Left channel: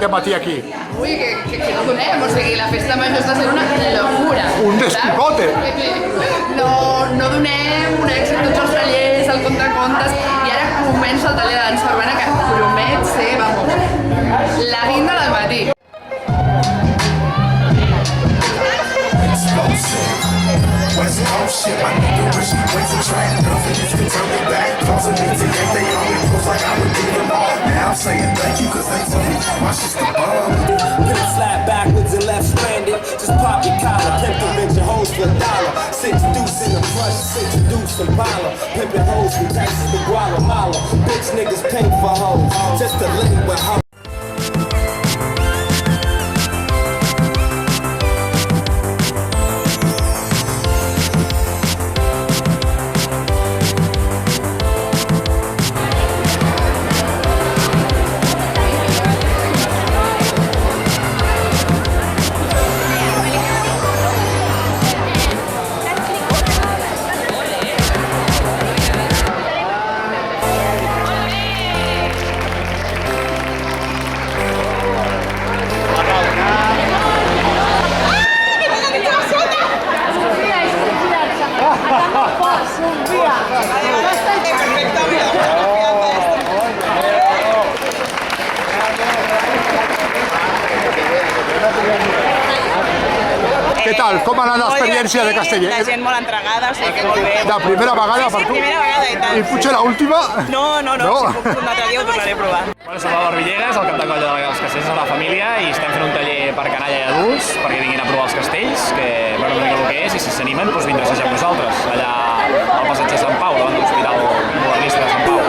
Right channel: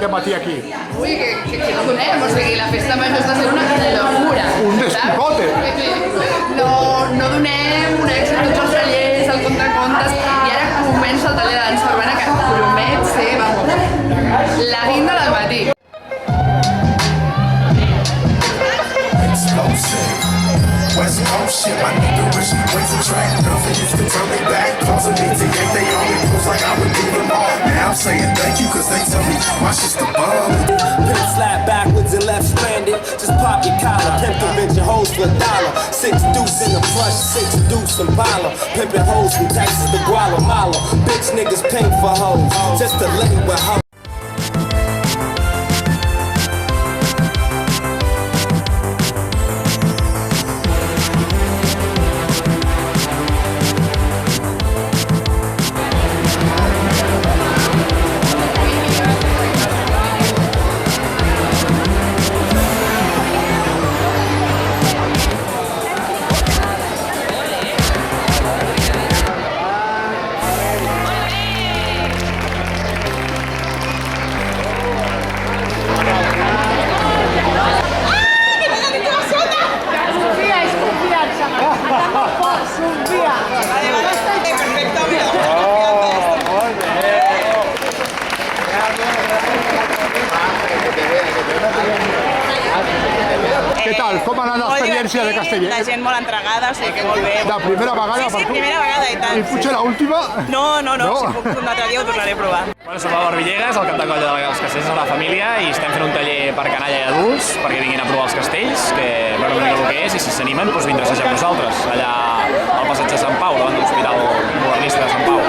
de matí aquí? Ui, que no donem, o sigui, la festa major està sent una locura. Un despicote. No donem un èxit a tots els tallers, al contracontes, i ara comença el taller de dansa urbana que promet ser, vamos, la guinda del matí. West Coast shit, my nigga wish me ways to track. Nothing used to turn me back. Causing me to get they only moves like I would do them all. Now I'm saying thank you, cause they tell me my shit's the bomb. Put it flat backwards and left stranded. Just pop your collar, pimp the bitch your hoes for $1. 6 deuce in the plush, 6 deuce in Impala. Pimpin' hoes from Texas to Guatemala. Bitch niggas pay for hoes, just to lay with hoes. Què tal? Com ha anat l'experiència de Castellet? La gent molt entregada, o sigui que molt bé. La primera vegada per tu? Sí, primera vegada i tant. I potser l'última? No, si puc un altre dia ho tornaré a provar. Bueno, som l'Albert Villegas, el cap de colla dels castells de la família, i estem fent un taller per canalla i adults perquè vinguin a provar els castells, que veure una mica el que és, i si s'animen, doncs vindre a assajar amb nosaltres, allà al passeig de Sant Pau, davant de l'Hospital Modernista de Sant Pau.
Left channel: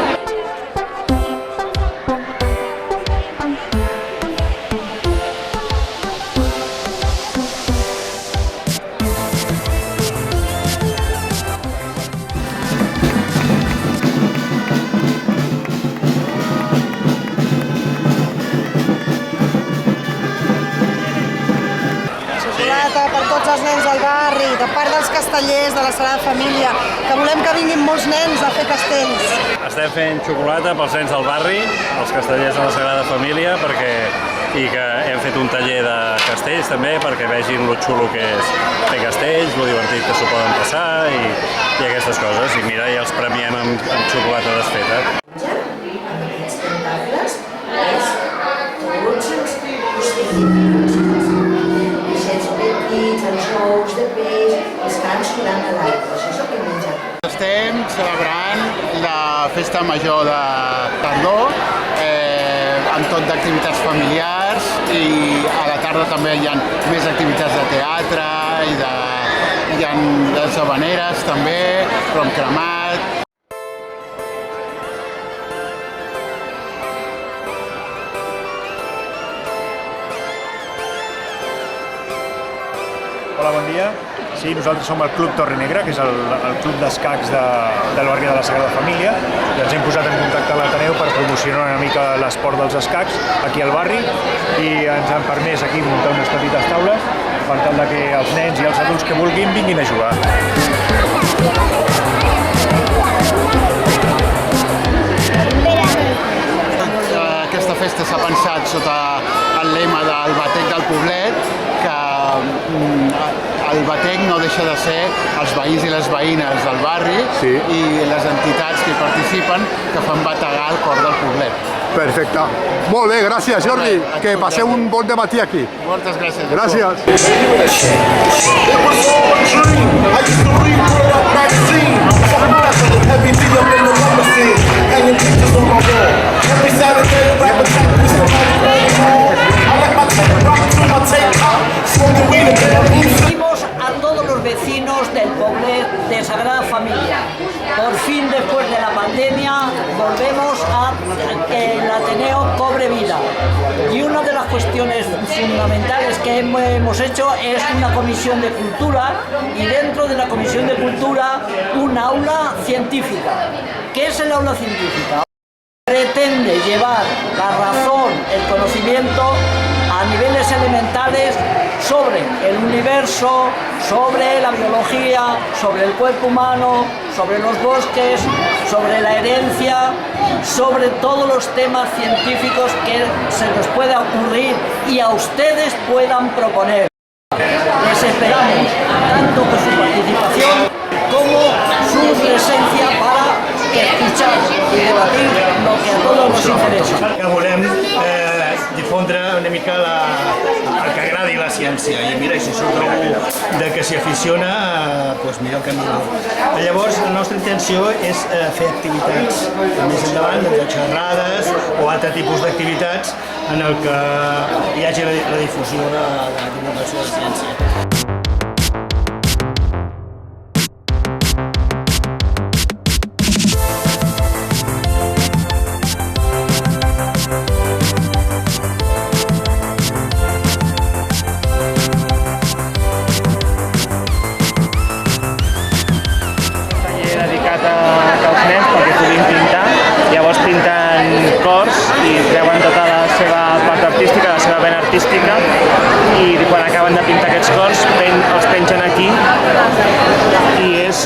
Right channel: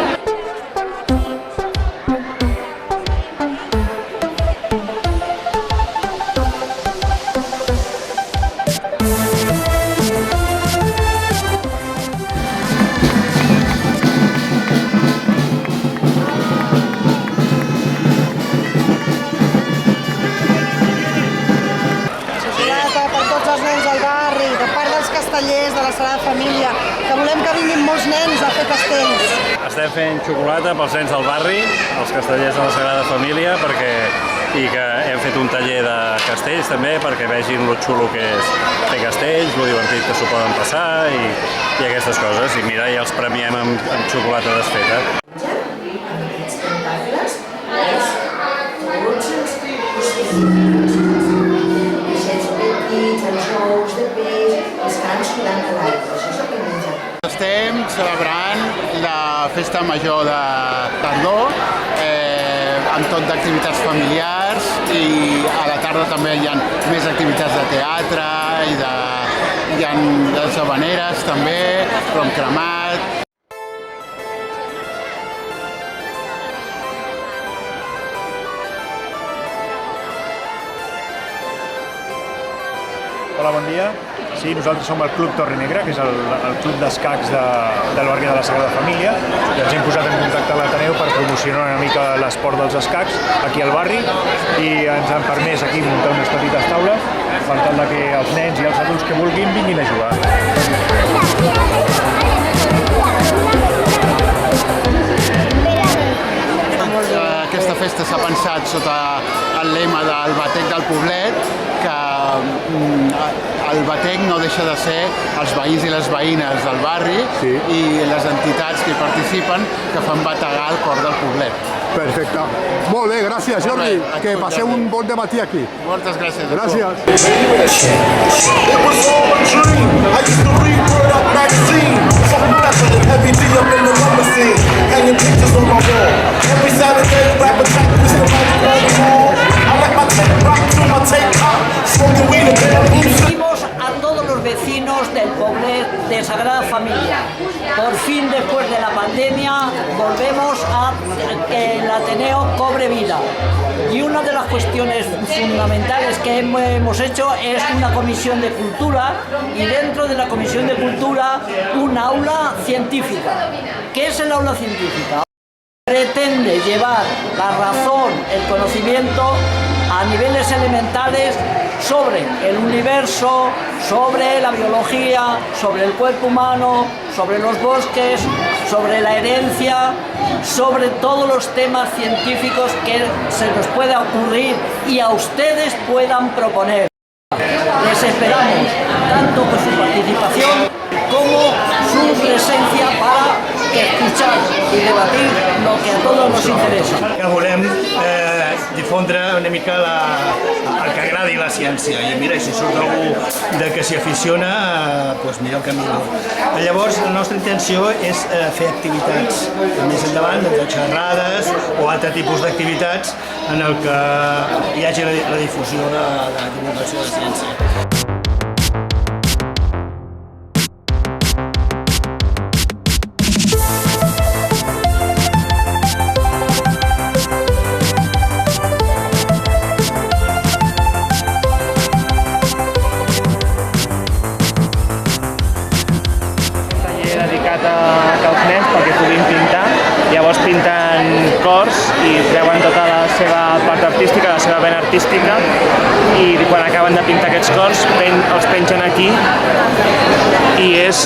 Per tots els nens del barri, de part dels castellers, de la Sagrada Família, que volem que vinguin molts nens a fer castells. Estem fent xocolata pels nens del barri, els castellers de la Sagrada Família, i que hem fet un taller de castells també perquè vegin lo xulo que és fer castells, lo divertit que s'ho poden passar i aquestes coses. I mira, ja els premiem amb xocolata desfeta. Aquests tentacles és tots els ous de peix, els cans sulant a l'aigua. Això és el que mengen. Estem celebrant la festa major de tardor amb tot d'activitats familiars i a la tarda també hi ha més activitats de teatre i hi ha les habaneres també, rom cremat. Hola, bon dia. Sí, nosaltres som el Club Torre Negra, que és el club d'escacs del barri de la Sagrada Família, i ens hem posat en contacte amb l'Ateneu per promocionar una mica l'esport dels escacs aquí al barri, i ens han permès aquí muntar unes petites taules per tal que els nens i els adults que vulguin vinguin a jugar. Aquesta festa s'ha pensat sota el lema del Batec del Poblet, que el Batec no deixa de ser els veïns i les veïnes del barri i les entitats que hi participen que fan bategar el cor del poblet. Perfecte. Molt bé, gràcies, Jordi. Que passeu un bon dematí aquí. Moltes gràcies. Gràcies. Pedimos a todos los vecinos del Poblet de Sagrada Familia. Por fin, después de la pandemia, volvemos a que el Ateneo cobre vida. Y una de las cuestiones fundamentales que hemos hecho es una comisión de cultura, y dentro de la comisión de cultura un aula científica. ¿Qué es el aula científica? Pretende llevar la razón, el conocimiento a niveles elementales sobre el universo, sobre la biología, sobre el cuerpo humano, sobre los bosques, sobre la herencia sobre todos los temas científicos que se nos pueda ocurrir y a ustedes puedan proponer. Les esperamos tanto por su participación como su presencia para escuchar y debatir lo que a todos nos interesa. Que volem difondre una mica el que agradi la ciència i mira, si surt algú que s'hi aficiona, doncs millor que millor. Llavors, la nostra intenció és fer activitats més endavant, xerrades o altre tipus d'activitats en el que hi hagi la difusió de la divulgació de la ciència. Els nens perquè puguin pintar, llavors pinten cors i treuen tota la seva part artística, la seva vena artística, i quan acaben de pintar aquests cors els pengen aquí i és...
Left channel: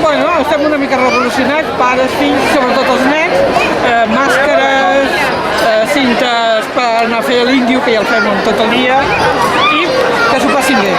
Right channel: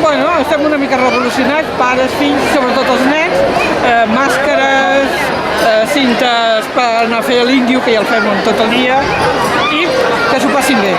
Bueno, estem una mica revolucionats, pares, fills, sobretot els nens, màscares, cintes per anar a fer l'índio, que ja el fem tot el dia, i que s'ho passin bé.